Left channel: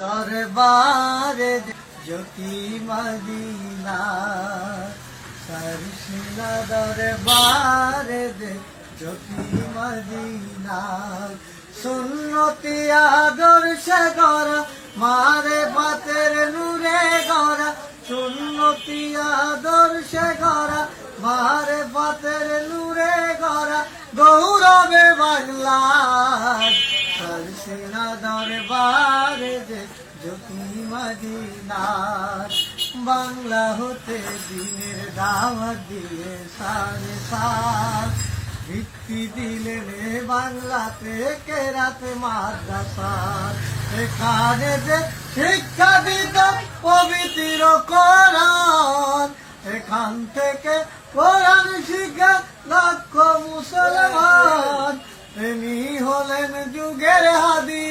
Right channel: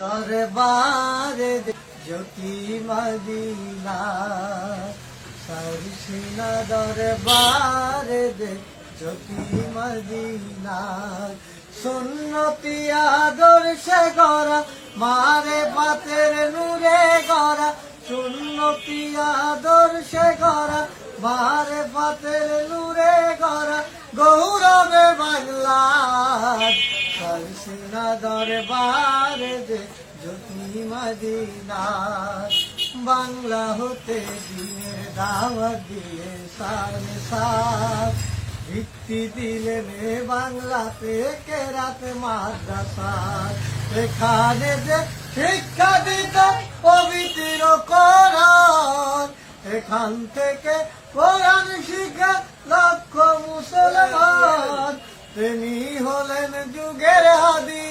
দরবারে জ্যোতি মদিনা সরসিনা দরবারে জ্যোতি মদিনা, সুন্নতি আদর্শ গরা মারে পাতের নূরে গরা সুন্নতি আদর্শ গরা মারে পাতের নূরে গরা গৌরবে বাংলা মদিনা বাংলা হতে দিনের দাওয়াত দিয়ে সারে সার। ভিত্তি দিলেন এ বাংলাতে কেরাতে মাদ্রাসা? এখানে যে শিক্ষা দিত পবিত্র কোরআন, এখান থেকে কোরআন শিখে লক্ষ মুসলমান। হলেন যুগের হাদি।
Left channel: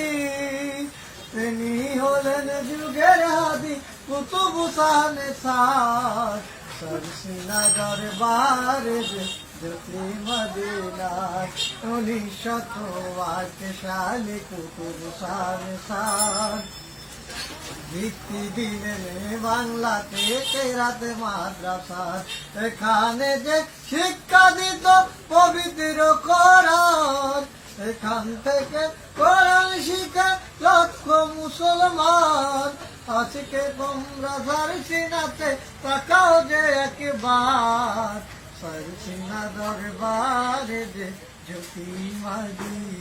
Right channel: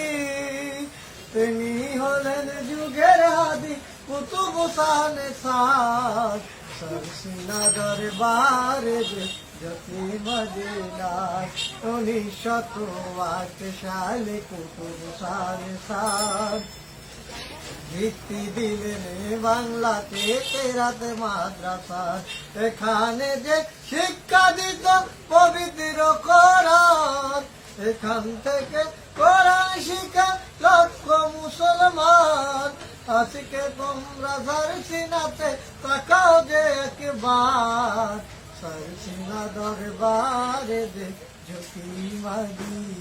তিনি হলেন যুগের হাদি, কুতুব সানে সার। সরসিনা দরবারে জ্যোতি মদিনা উনিশশত আট সালে কুতুব সানে সার। ভিত্তি দিলেন বাংলাতে কেরাত মাদ্রাসা। এখানে যে শিক্ষা দিত পবিত্র করার এখান থেকে কোরআন শিখা লক্ষ মুসলমান। আজকে তোমরা সারসিনাতে তাকাও যে একবার। সারসিনা দরবারে যে জ্যোতি মদিনা